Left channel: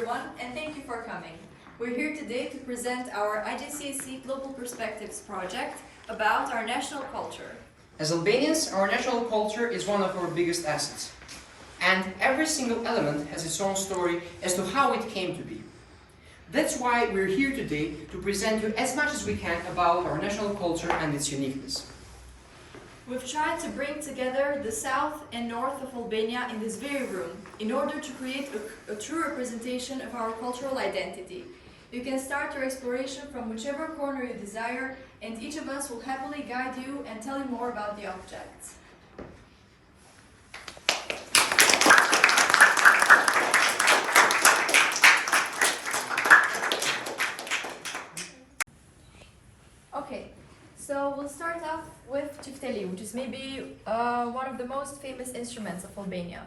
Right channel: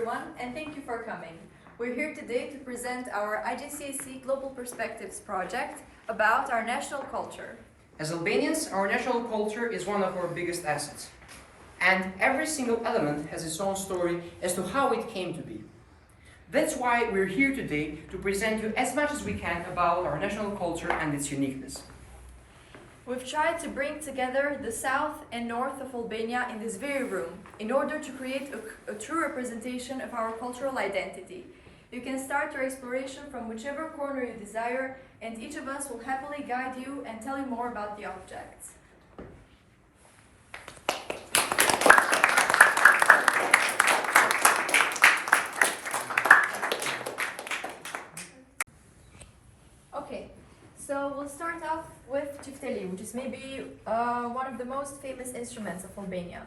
everyone, and thank you for coming. We're here today to present our IJCAC Global Perspectives project about our national culture. As Albanians, our national culture is one of our biggest assets. And every single element has its own story as to how it came to be. That's why we're here today to present you as much as we can about our national culture and its uniqueness. We've tried to bring together the south and north of Albania in this very room in order to create a true representation of our cultural identity. You can start your exploration from whichever corner you desire, and each of us will happily guide you and tell you more about the objects. Okay, so we'll start off with Qifteli, which is maybe one of the most famous instruments of Albania.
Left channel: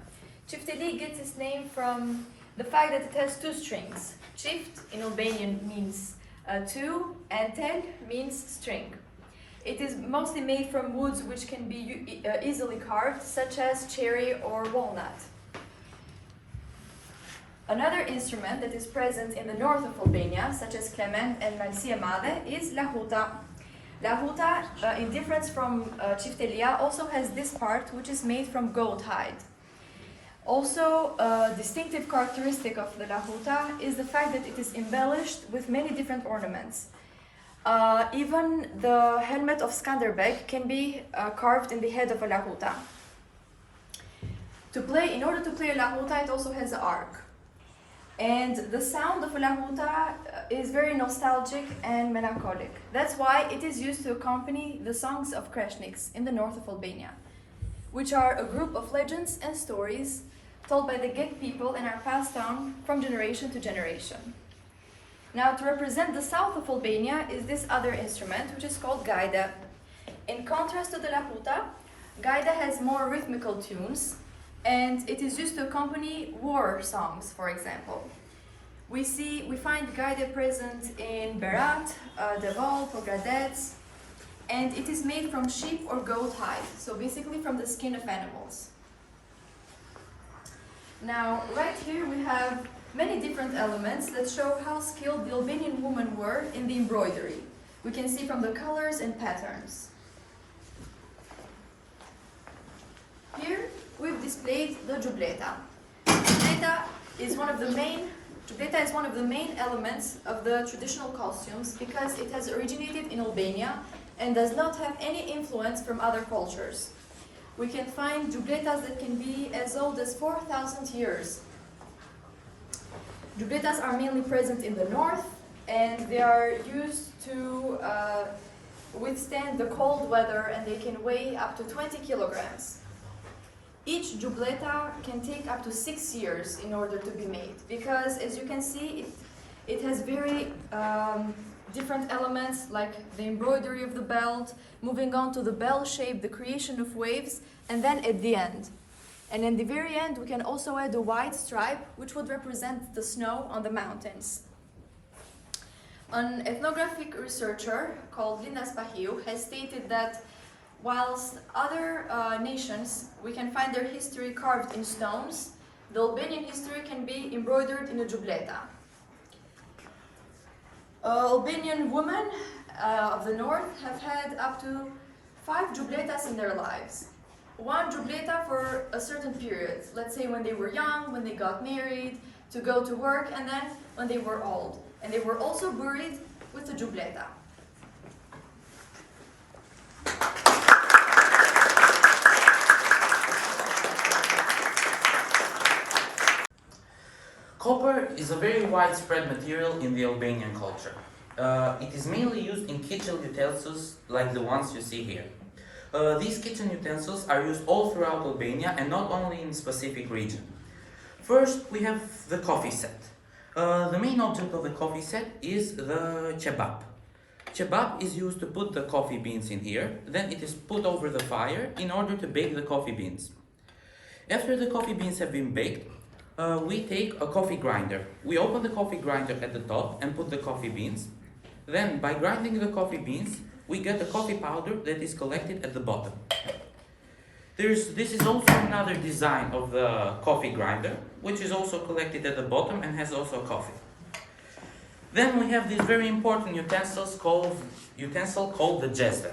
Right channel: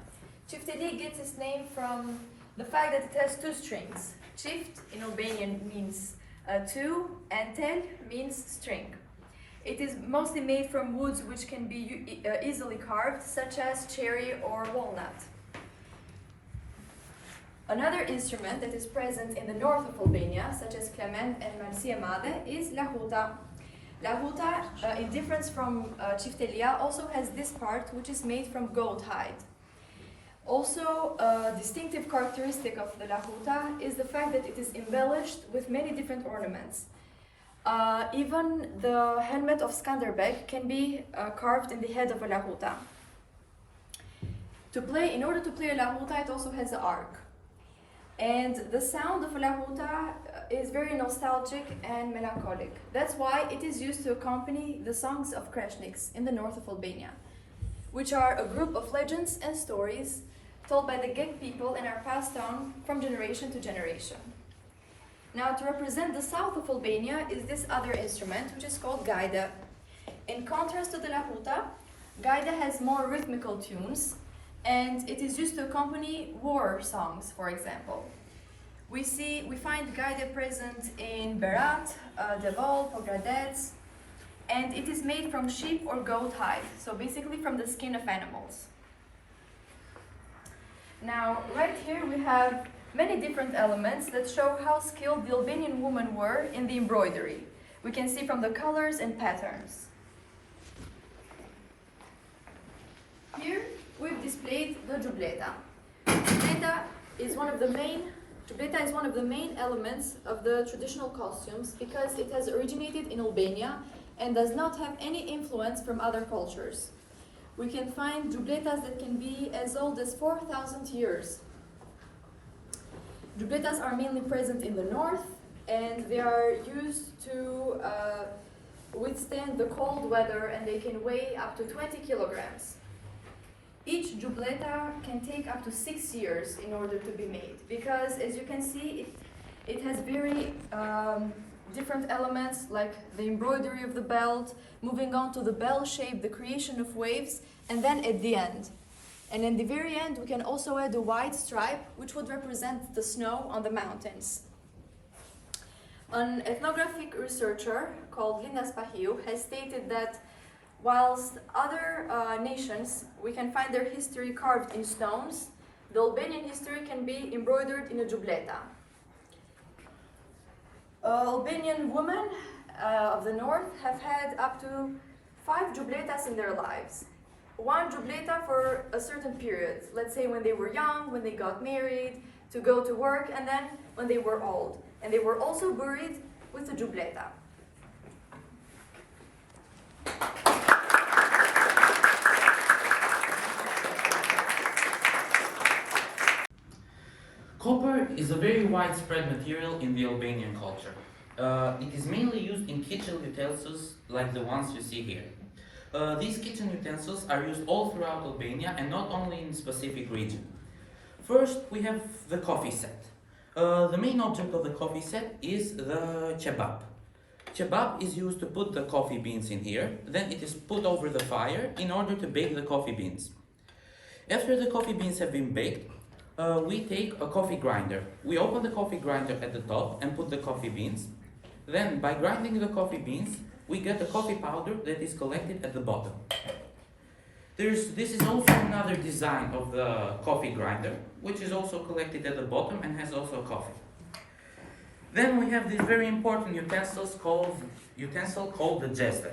Qifteli gets its name from the fact that it has two strings. Qift in Albanian means two, and tel means string. It is mostly made from woods which can be easily carved, such as cherry or walnut. Another instrument that is present in the north of Albania, such as Clement and Malësia Madhe, is lahuta. Lahuta, in difference from Qiftelia, also has this part which is made from goat hide. Also, a distinctive characteristic of the lahuta is the fact that it is embellished with many different ornaments. Even the helmet of Skanderbeg can be carved in the head of a lahuta. In order to play a lahuta, it also has an arc. And the sound of a lahuta is very nostalgic and melancholic. That's why it is used to accompany the songs of Kreshniks in the north of Albania, which are a group of legends and stories told by the Gek people and are passed down from generation to generation. Now, to represent the south of Albania is this other instrument, which is called gaide. In contrast to the lahuta, gaide has more rhythmical tunes, and it is used to accompany war songs, for example. We find gaide present in Berat, Devol, Pogradec, and it is made from sheep or goat hide, so basically from the skin of animals. Now, right here we have many different elements that show how skilled the Albanian women were in the embroidery. We can see from the colors and patterns. Here we've displayed the giubleta. Giubleta is one of the main elements of the traditional costumes because it has originated in Albania and does not have any influence from other cultures. We can find giubletas that can be as old as 4,000 years. Giubletas are mainly present in the north, and they are used to withstand the cold weather, and they can weigh up to 20 kilograms. Each giubleta can take up to 6 years in order to be made, because as you can see, it has very different elements like the embroidery of the belt, moving on to the bell shape, the creation of waves, and then at the end. And in the very end, we can also add a white stripe, which would represent the snow on the mountains. An ethnographic researcher called Linda Spahiu has stated that whilst other nations, we can find their history carved in stones, the Albanian history can be embroidered in a giubleta. Albanian women of the north have had up to 5 giubletas in their lives. One giubleta for a certain period, let's say when they were young, when they got married, to go to work, and then when they were old. And they were also buried with a giubleta. Copper is a very widespread material in the Albanian culture. It is mainly used in kitchen utensils like the ones you see here. These kitchen utensils are used all throughout Albania and not only in a specific region. First, we have the coffee set. The main object of the coffee set is the kebab. Kebab is used to put the coffee beans in here, then it is put over the fire in order to bake the coffee beans. After the coffee beans have been baked, we take a coffee grinder. We open the coffee grinder at the top and put the coffee beans. Then, by grinding the coffee beans, we get the coffee powder that is collected at the bottom. This is also another design of the coffee grinder, which is also collected at the bottom and has also coffee. Then we have this very important utensil called the jezve.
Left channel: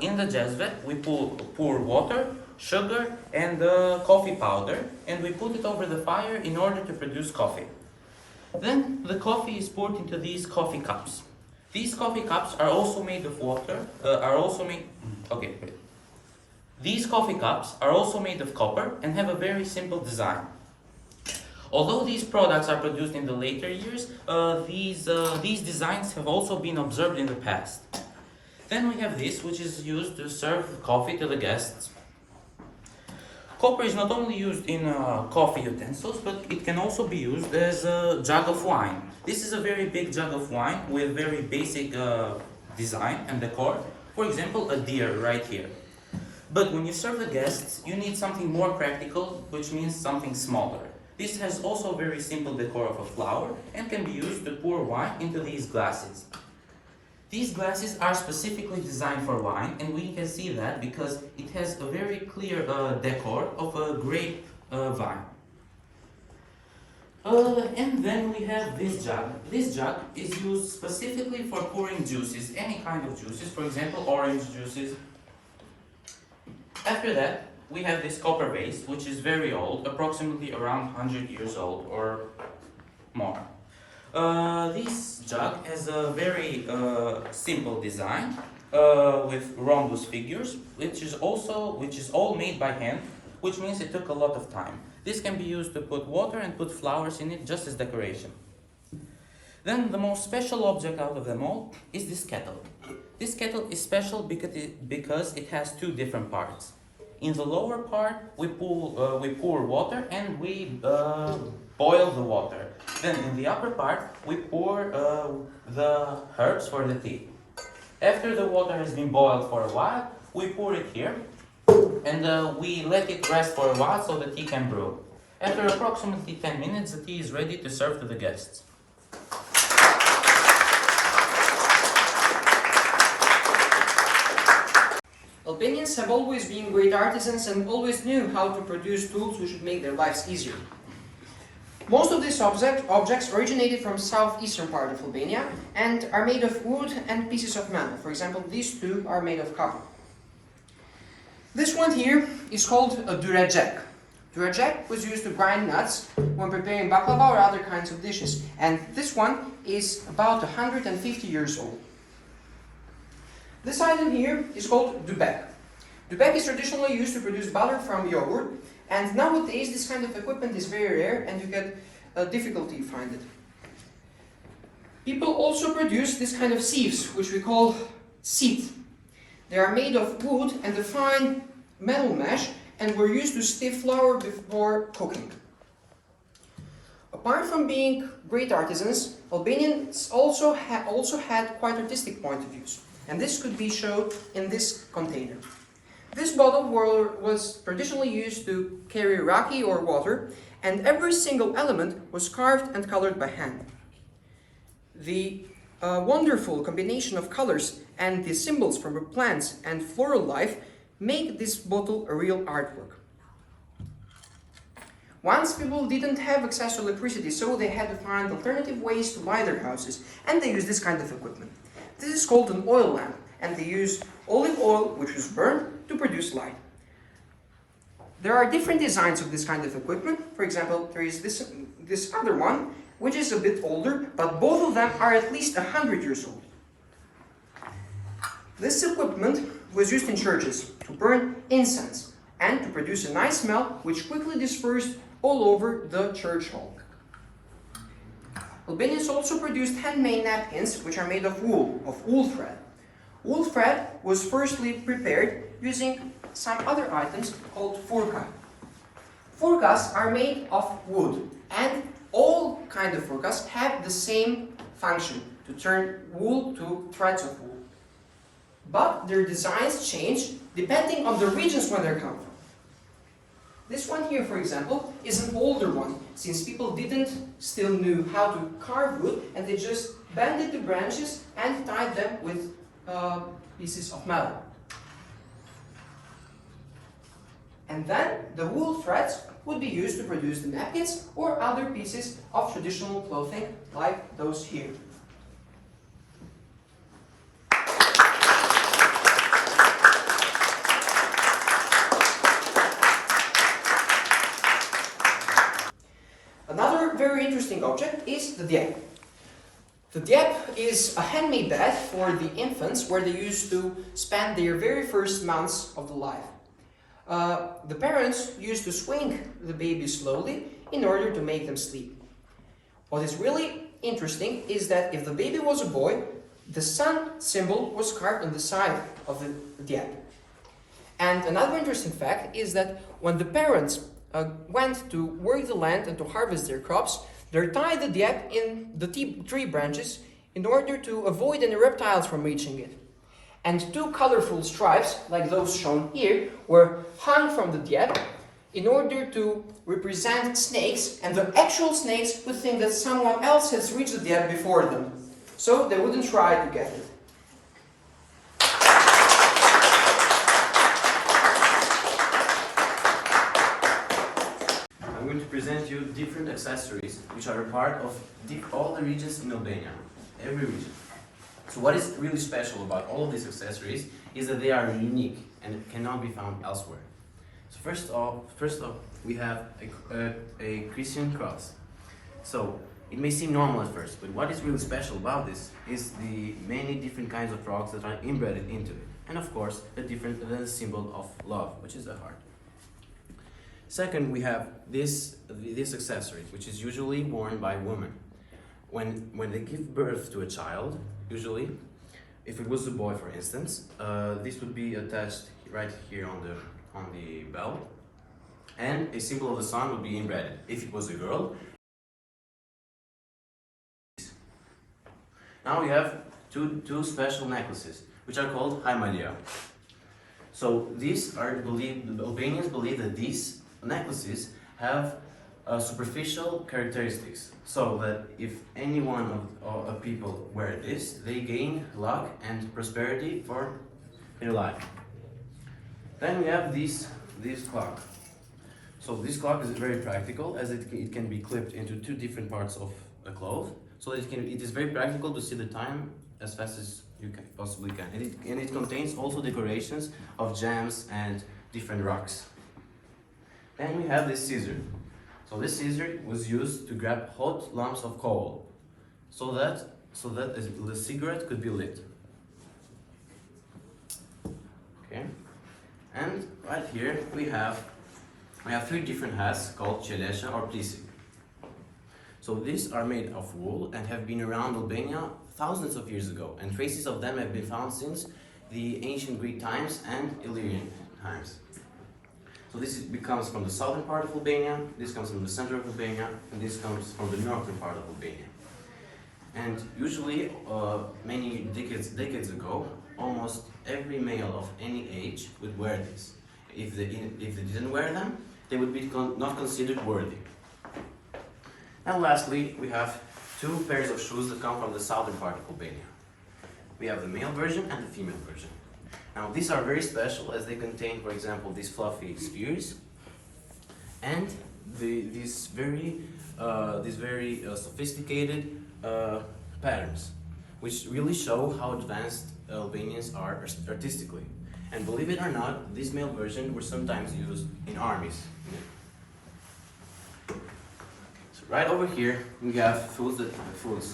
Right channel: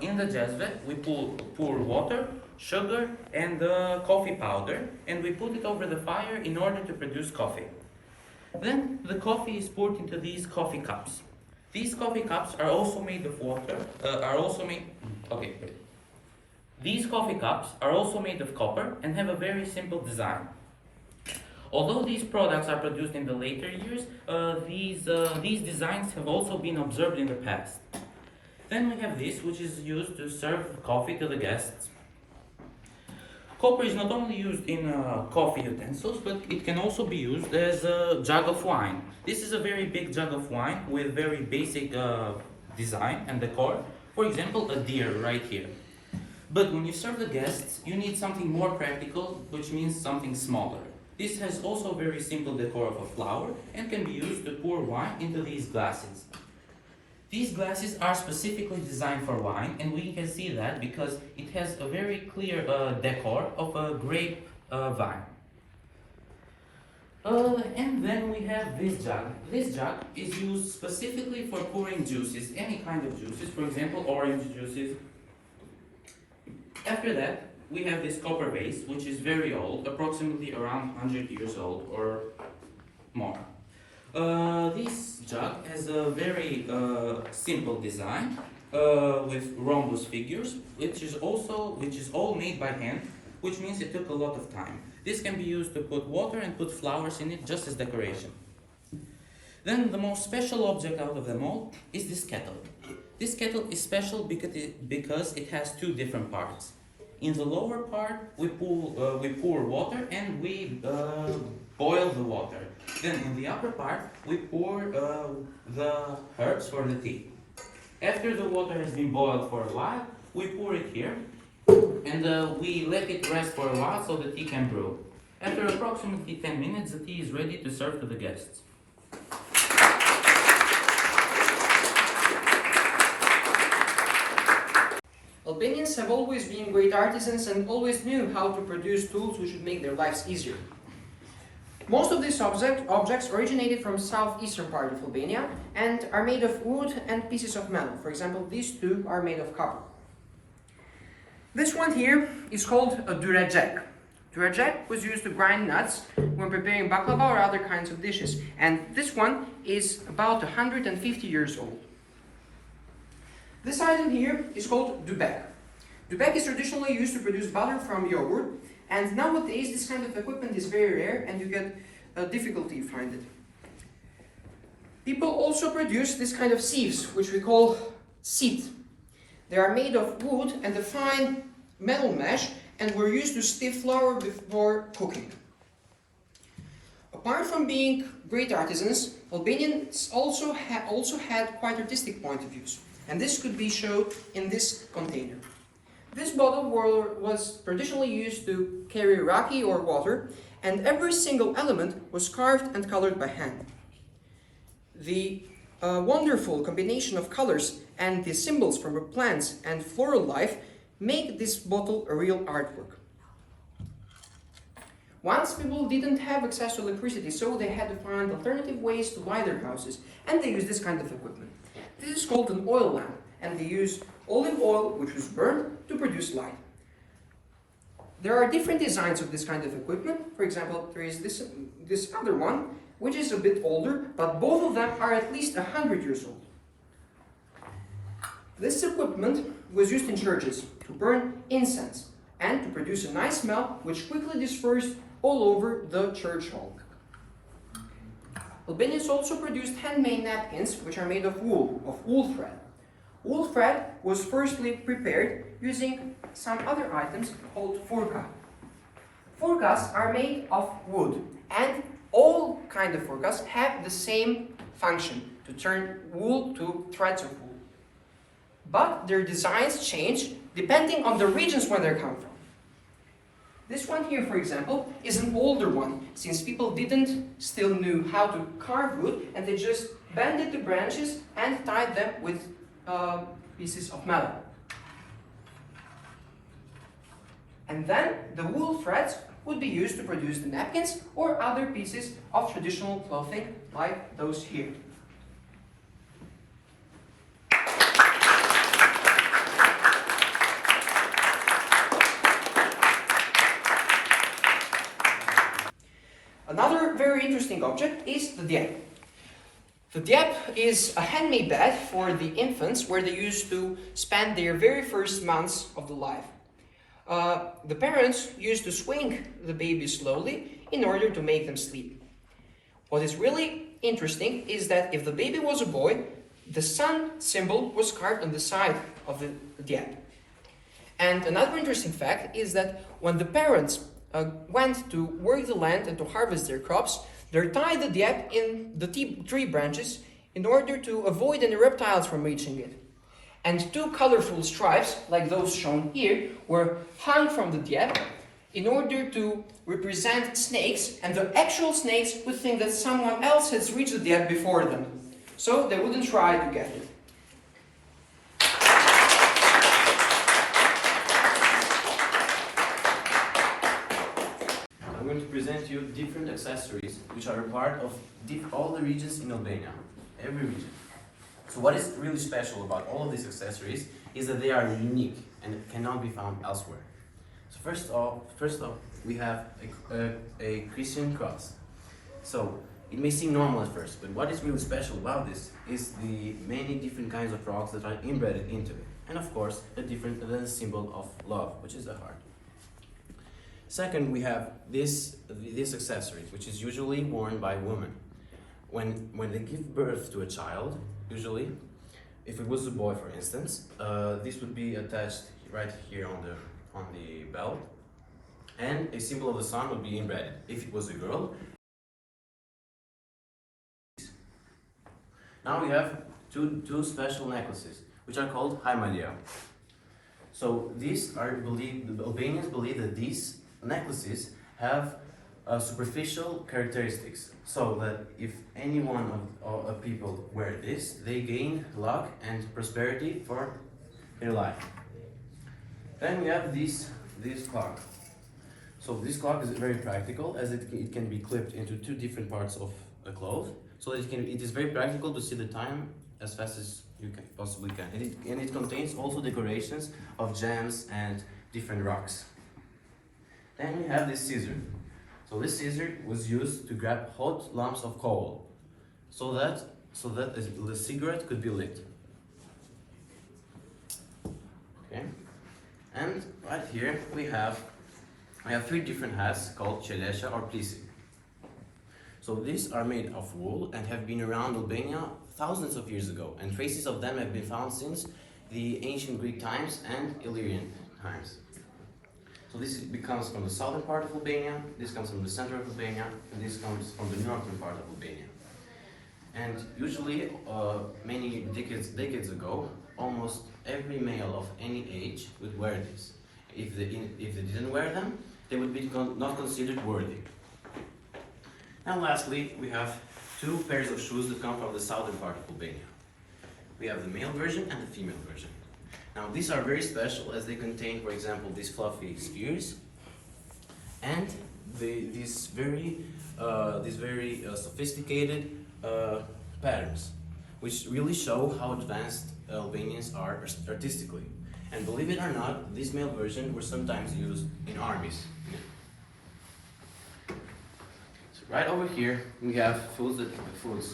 In the jezve, we pour water, sugar, and coffee powder, and we put it over the fire in order to produce coffee. Then the coffee is poured into these coffee cups. These coffee cups are also made of water. These coffee cups are also made of copper and have a very simple design. Although these products are produced in the later years, these designs have also been observed in the past. Then we have this, which is used to serve coffee to the guests. Copper is not only used in coffee utensils, but it can also be used as a jug of wine. This is a very big jug of wine with very basic design and decor. For example, a deer right here. But when you serve the guests, you need something more practical, which means something smaller. This has also very simple decor of a flower and can be used to pour wine into these glasses. These glasses are specifically designed for wine, and we can see that because it has a very clear decor of a grape vine. And then we have this jug. This jug is used specifically for pouring juices, any kind of juices, for example, orange juices. After that, we have this copper vase, which is very old, approximately around 100 years old or more. This jug has a very simple design with rhombus figures, which is all made by hand, which means it took a lot of time. This can be used to put water and put flowers in it just as decoration. Then the most special object out of them all is this kettle. This kettle is special because it has two different parts. In the lower part, we pour water and we boil the water. Then in the upper part, we pour the herbs for the tea. After the water has been boiled for a while, we pour it here and we let it rest for a while so the tea can brew. After approximately 10 minutes, the tea is ready to serve to the guests. Albanians have always been great artisans and always knew how to produce tools which would make their lives easier. Most of these objects originated from southeastern part of Albania and are made of wood and pieces of metal. For example, these two are made of copper. This one here is called a durajek. Durajek was used to grind nuts when preparing baklava or other kinds of dishes, and this one is about 150 years old. This item here is called dubek. Dubek is traditionally used to produce butter from yogurt, and nowadays this kind of equipment is very rare and you get difficulty to find it. People also produce this kind of sieves, which we call sit. They are made of wood and a fine metal mesh and were used to stiff flour before cooking. Apart from being great artisans, Albanians also had quite artistic point of views. And this could be shown in this container. This bottle was traditionally used to carry raki or water, and every single element was carved and colored by hand. The wonderful combination of colors and the symbols from the plants and floral life make this bottle a real artwork. Once people didn't have access to electricity, so they had to find alternative ways to light their houses, and they used this kind of equipment. This is called an oil lamp, and they use olive oil, which was burned, to produce light. There are different designs of this kind of equipment. For example, there is this other one, which is a bit older, but both of them are at least 100 years old. This equipment was used in churches to burn incense and to produce a nice smell, which quickly dispersed all over the church hall. Albanians also produced handmade napkins, which are made of wool thread. Wool thread was firstly prepared using some other items called furka. Furkas are made of wood, and all kinds of furkas have the same function, to turn wool to threads of wool. But their designs change depending on the regions where they come from. This one here, for example, is an older one, since people still knew how to carve wood, and they just bended the branches and tied them with pieces of metal. And then the wool threads would be used to produce the napkins or other pieces of traditional clothing like those here. Another very interesting object is the diep. The diep is a handmade bed for the infants where they used to spend their very first months of the life. The parents used to swing the baby slowly in order to make them sleep. What is really interesting is that if the baby was a boy, the sun symbol was carved on the side of the diep. And another interesting fact is that when the parents went to work the land and to harvest their crops, they tied the diep in the tree branches in order to avoid any reptiles from reaching it. And two colorful stripes, like those shown here, were hung from the diep in order to represent snakes, and the actual snakes would think that someone else has reached the diep before them, so they wouldn't try to get it. I'm going to present you different accessories which are a part of all the regions in Albania, every region. So what is really special about all of these accessories is that they are unique and cannot be found elsewhere. So first off, we have a Christian cross. So it may seem normal at first, but what is really special about this is the many different kinds of rocks that are embedded into it. And of course, the symbol of love, which is a heart. Second, we have this accessory, which is usually worn by women. When they give birth to a child, usually, if it was a boy, for instance, this would be attached right here on the belt, and a symbol of the sun would be embedded. If it was a girl, now we have two special necklaces, which are called haimalia. So these are the Albanians believe that these necklaces have superficial characteristics, so that if any one of people wear this, they gain luck and prosperity for their life. Then we have this clock. So this clock is very practical, as it can be clipped into two different parts of a cloth, so that it is very practical to see the time as fast as you possibly can. And it contains also decorations of gems and different rocks. Then we have this scissor. So this scissor was used to grab hot lumps of coal, so that the cigarette could be lit. Okay, and right here we have three different hats called qelesha or plisi. So these are made of wool and have been around Albania thousands of years ago, and traces of them have been found since the ancient Greek times and Illyrian times. So this comes from the southern part of Albania, this comes from the center of Albania, and this comes from the northern part of Albania. And usually, many decades ago, almost every male of any age would wear this. If they didn't wear them, they would be not considered worthy. And lastly, we have two pairs of shoes that come from the southern part of Albania. We have the male version and the female version. Now these are very special as they contain, for example, these fluffy spheres and these very sophisticated patterns, which really show how advanced Albanians are artistically. And believe it or not, this male version were sometimes used in armies. So right over here we have foods.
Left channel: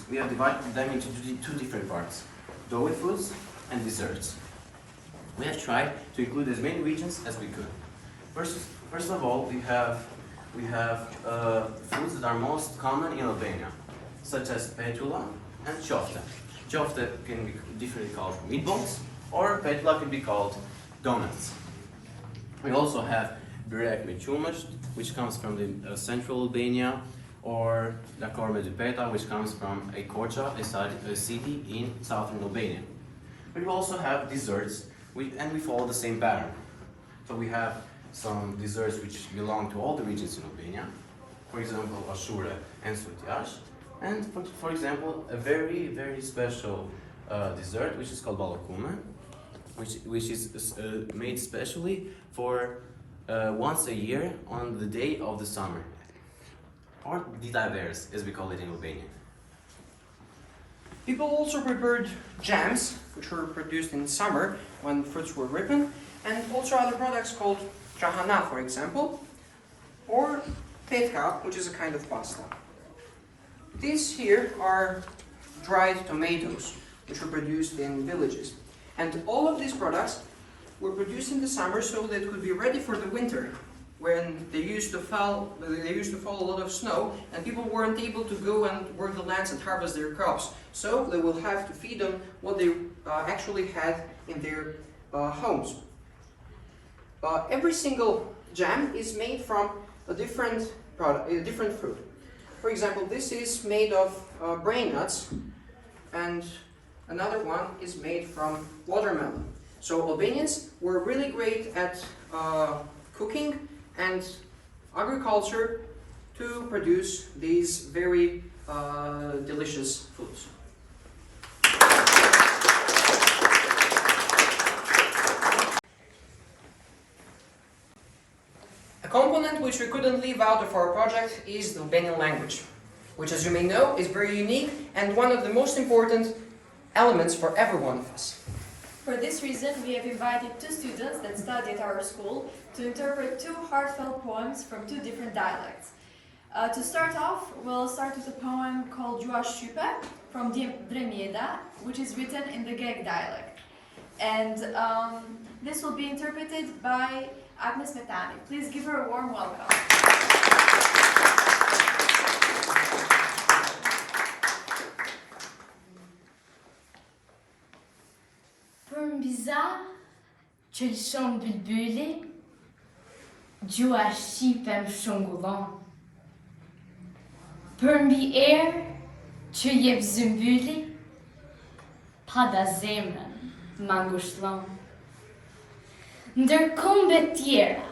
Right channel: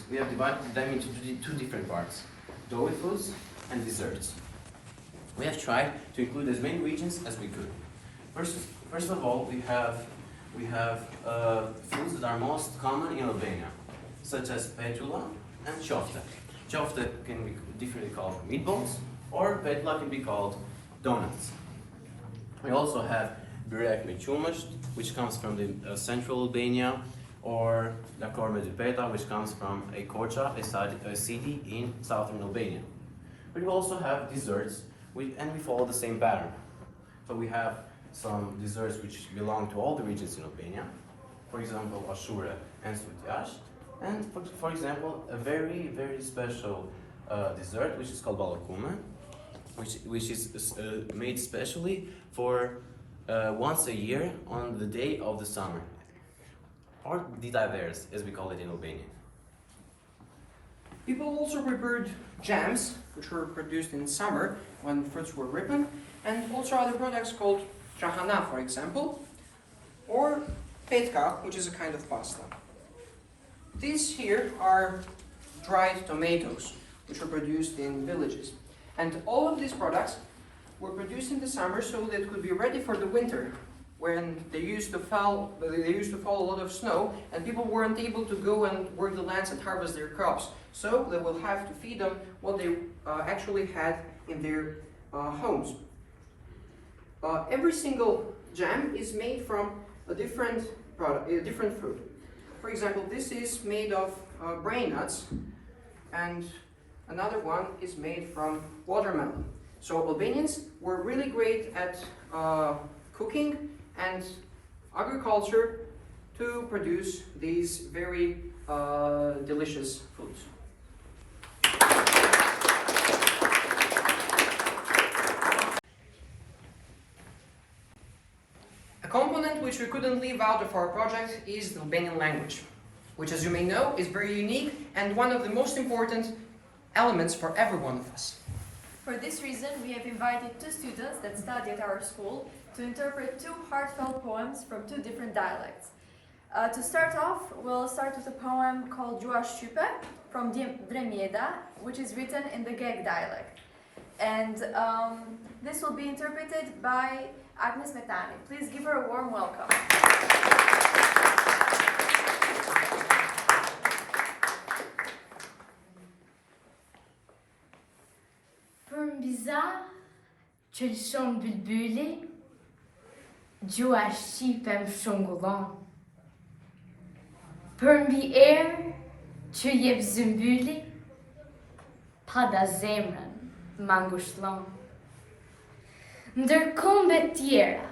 We have divided them into two different parts: doughy foods and desserts. We have tried to include as many regions as we could. First of all, we have foods that are most common in Albania, such as petula and qofte. Qofte can be differently called meatballs, or petula can be called donuts. We also have byrek me qumësht, which comes from the central Albania, or lakor me dypeta, which comes from a Korça, a city in southern Albania. But we also have desserts, and we follow the same pattern. So we have some desserts which belong to all the regions in Albania, for example, ashure and sutjash, and for example, a very, very special dessert which is called balakume, which is made specially for once a year on the day of the summer, or ditavers, as we call it in Albanian. People also prepared jams, which were produced in summer when fruits were ripened, and also other products called trahana, for example, or petka, which is a kind of pasta. These here are dried tomatoes, which were produced in villages. And all of these products were produced in the summer so that it could be ready for the winter, when they used to fall a lot of snow, and people weren't able to go and work the lands and harvest their crops. So they will have to feed them what they actually had in their homes. Every single jam is made from a different product, a different fruit. For example, this is made of brain nuts, and another one is made from watermelon. So Albanians were really great at cooking and agriculture to produce these very delicious foods. A component which we couldn't leave out of our project is the Albanian language, which, as you may know, is very unique and one of the most important elements for every one of us. For this reason, we have invited 2 students that study at our school to interpret 2 heartfelt poems from 2 different dialects. To start off, we'll start with a poem called Gjua Shqype from Brunilda, which is written in the Geg dialect. And this will be interpreted by Agnes Metani. Please give her a warm welcome. Për mbi za që lëshon bylbyli, gjua shqipe më shungullon. Për mbi erë që jep zymbyli, pada zemrën më ngushtlon. Ndër kombe tjera,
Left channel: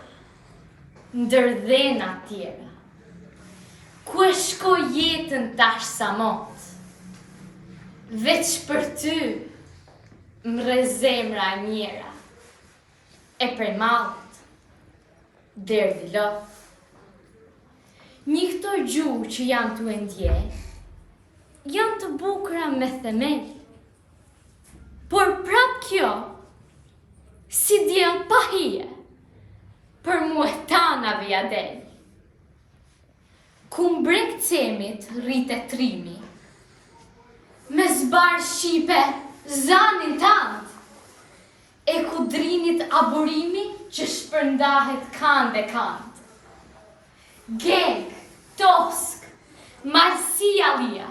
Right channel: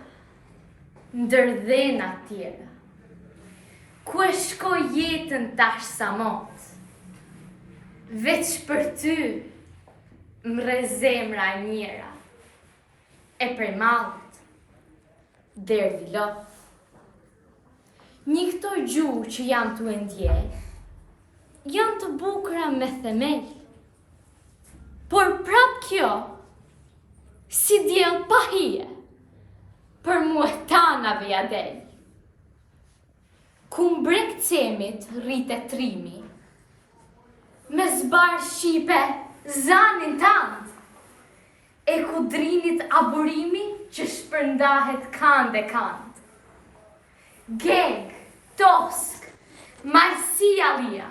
ndër dhena tjera, ku e shko jetën tash sa mot, veç për ty, mre zemra njera, e prej malët, derdi lot. Një këto gjuhë që jam të endje, janë të bukra me themel, por prap kjo, si djel pa hije, për mu e tana vja del. Ku mbrek cemit rrite trimi, me zbar shqipe zanin tant, e ku drinit aburimi që shpërndahet kanë dhe kanë. Geg, tosk, marsia lia,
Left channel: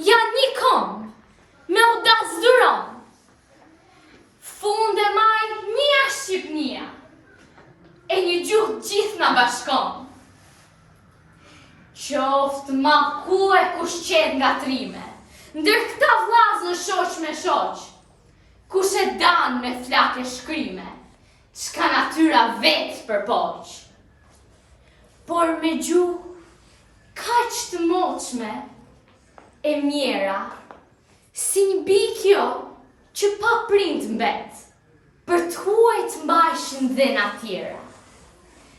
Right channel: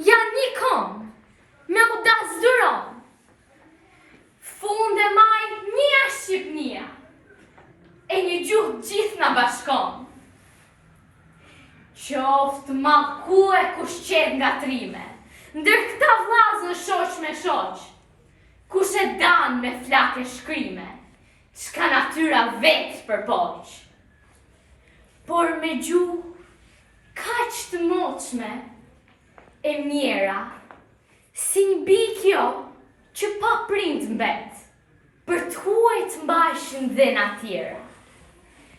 janë një kom, me u dasduron. Funde maj një Shqipnia, e një gjuhë gjithë në bashkon. Qoftë ma ku e kush qet nga trime, ndër këta vlazën shoq me shoq, kush e dan me flake shkrime, çka natyra vetë përpoq. Por me gjuhë kaq të moqme e mjera, si një bikjo që pa prind mbet, për të huajt mbajshin dhe në tjera.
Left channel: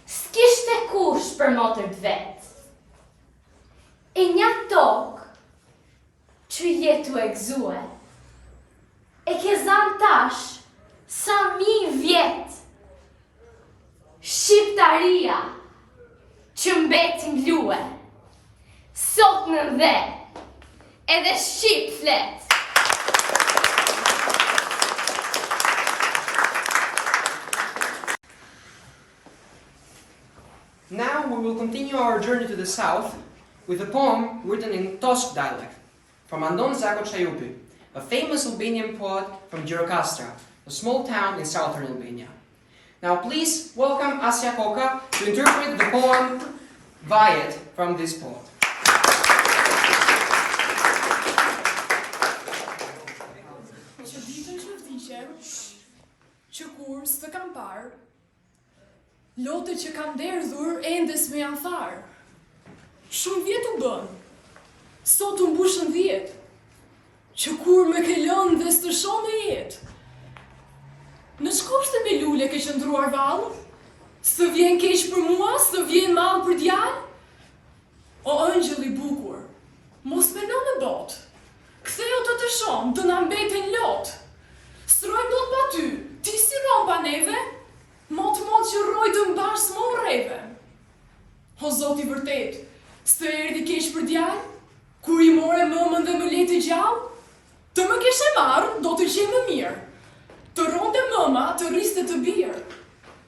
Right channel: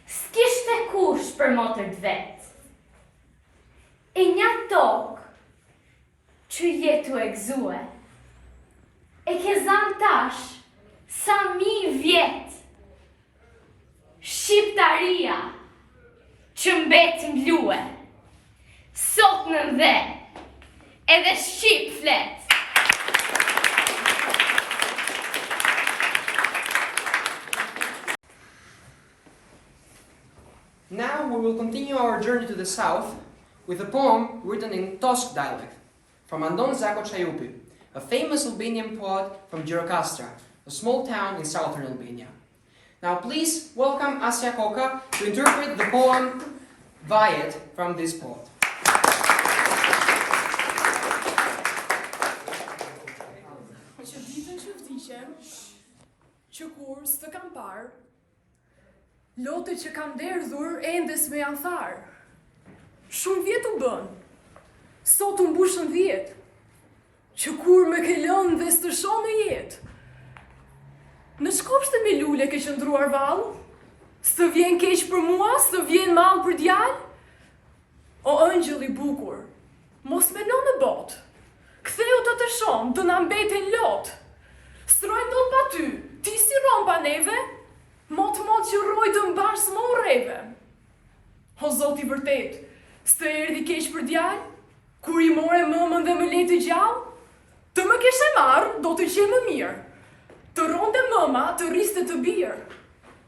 S'kishte kush për motër të vet. E një tokë që jetu e gzue, e ke zan tash sa 1000 vjet. Shqiptaria që mbet mblue, sot në dhe, edhe Shqip flet. Now we will continue our journey to the south with a poem written in Tosk dialect from Andon Zako Çajupi, a famous Albanian poet from Gjirokastra, a small town in southern Albania. Now please welcome Asja Koka to interpret the poem Vajet from this poet. Që ditën që vdiqem, që kur s'të kam parë, lote që kam derdhur endes me janë tharë. Shumë vjet u bën, sot u mbushën 10, që kur me ke lënë dhe s'të shoh me jetë. Në çkopshte me lule ke qëndruar vallë, Së vjen keq për mua, së vjen mall për djalë? O ëngjëll i bukur, mos mendo në botë. Ktheu të shoh, do na mbeten lot. Strojmë dot pa ty, ti si ron pa neve? Mot që rroj të mbash më urreve. O Zot i vërtet, s'të erdhi keq për djalë? Kur i more mëmën dhe më leti gjallë? Të më keshe marrë, do të qe më mirë. Të ronde mëma, të riste të birë.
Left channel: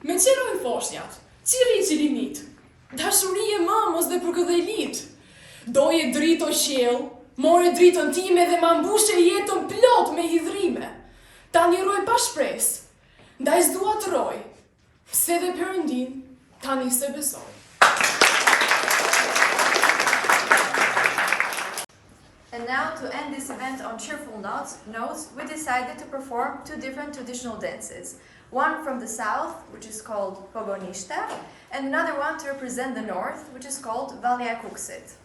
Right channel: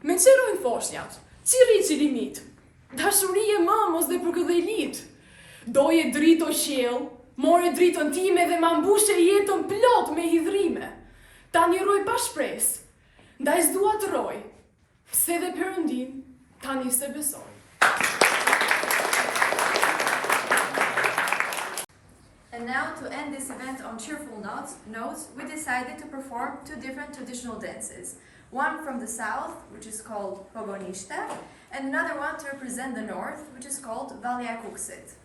Me qërojnë foshnjat, qiri qilimit. Dashurie mëmës dhe për këdhelit. Doje drito qjell, more dritën time dhe ma mbushe jetën plot me hidhrime. Ta një roj pa shpres, ndaj s'dua të roj, se dhe Perëndin tani se besoj. And now, to end this event on cheerful notes, we decided to perform two different traditional dances. One from the south, which is called Pogonishta, and another one to represent the north, which is called Valja Kuksit.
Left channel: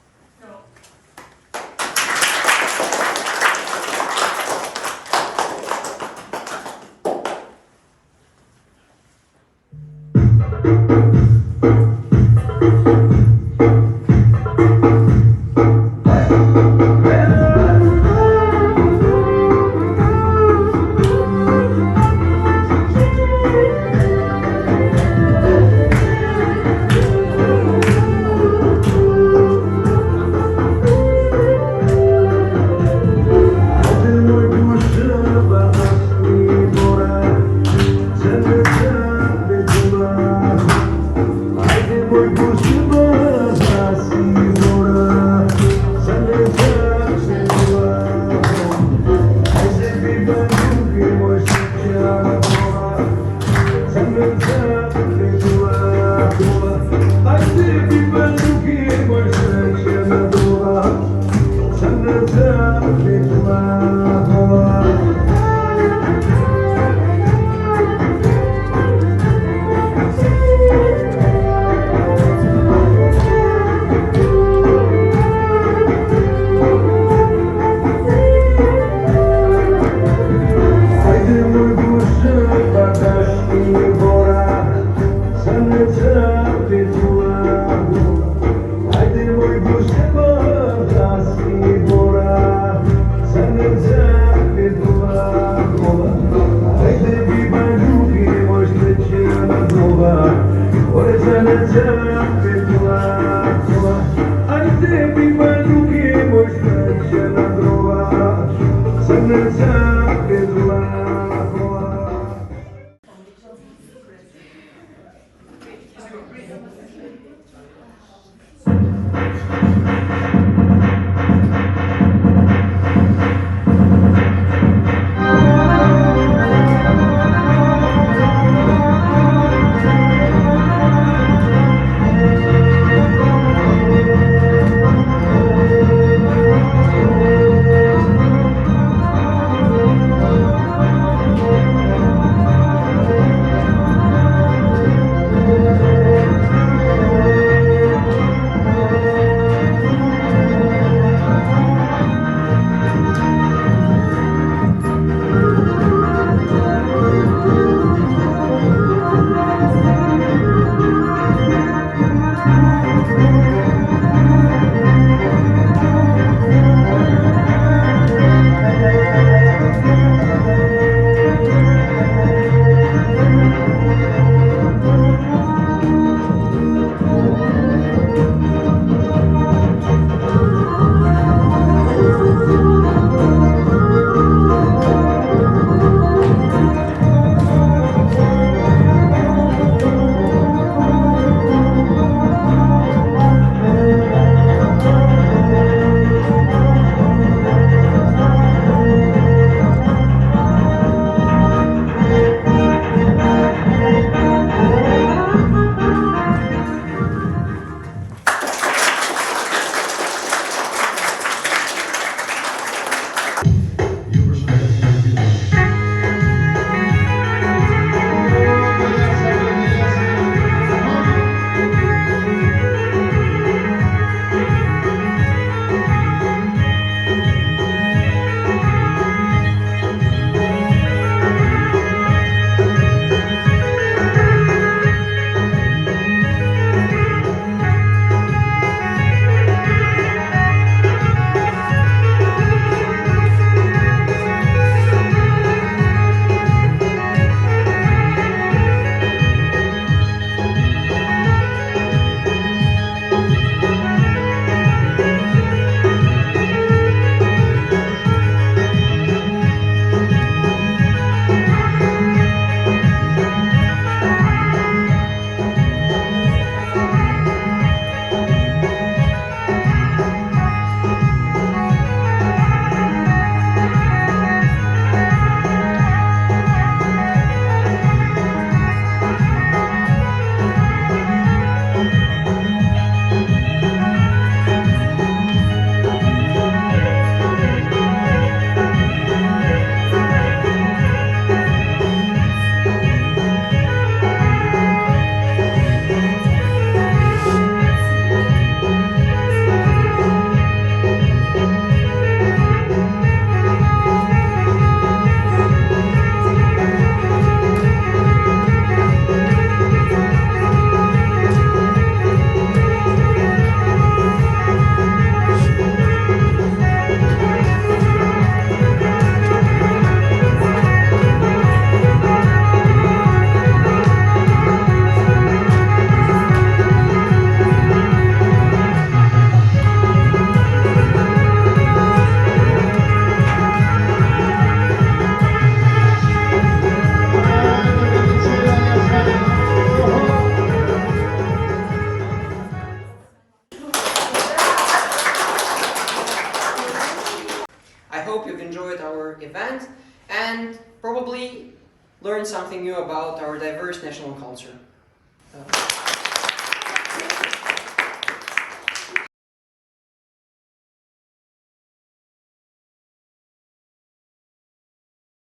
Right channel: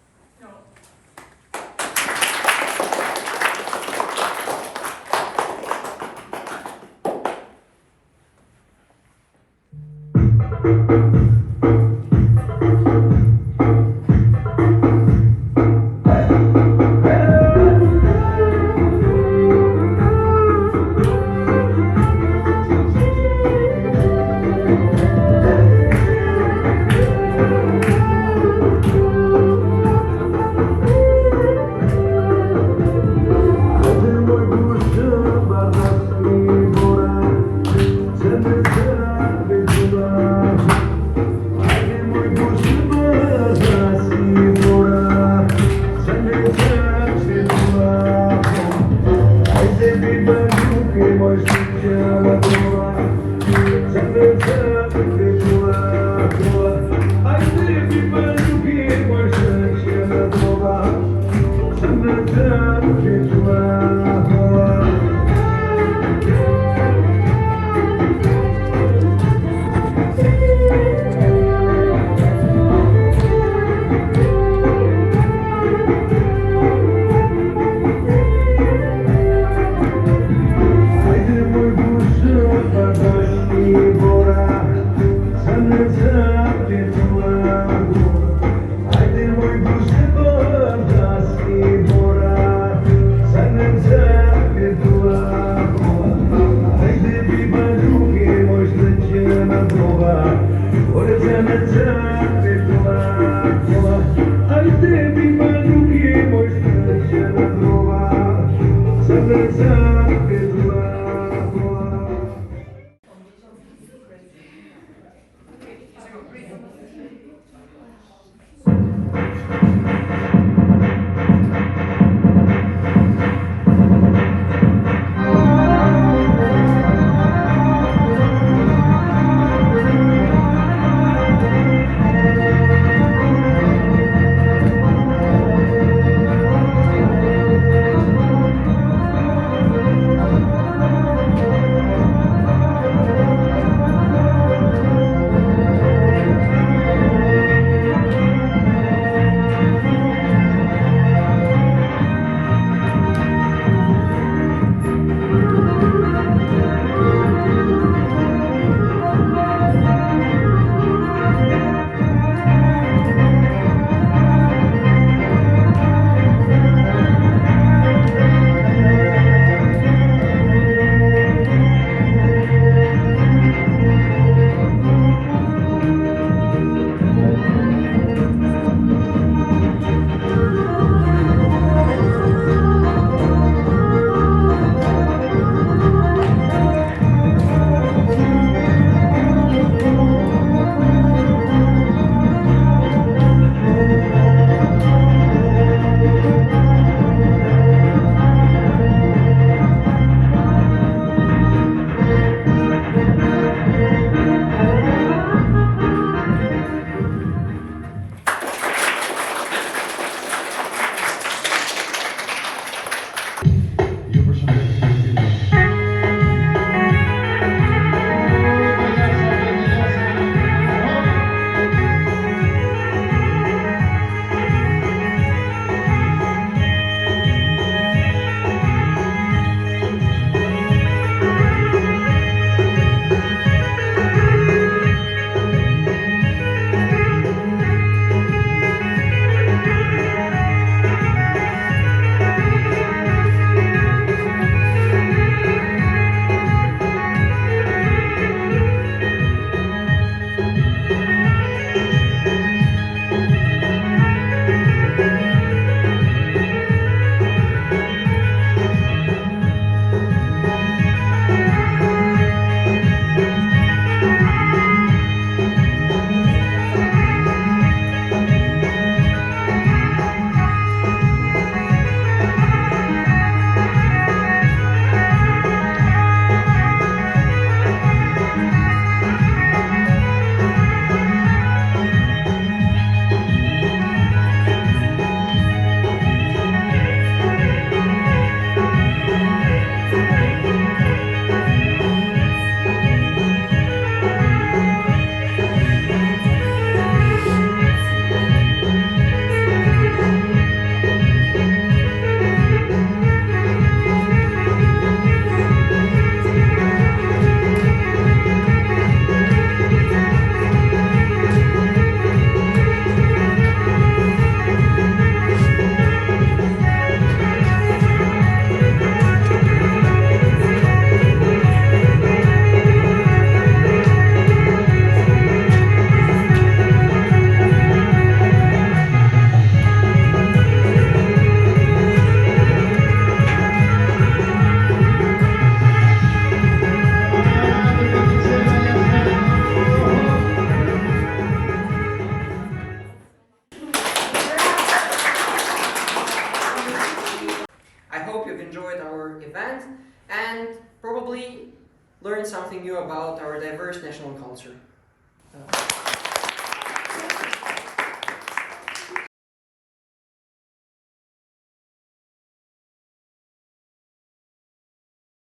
hope you've enjoyed our event and probably learned something new about our diverse national culture.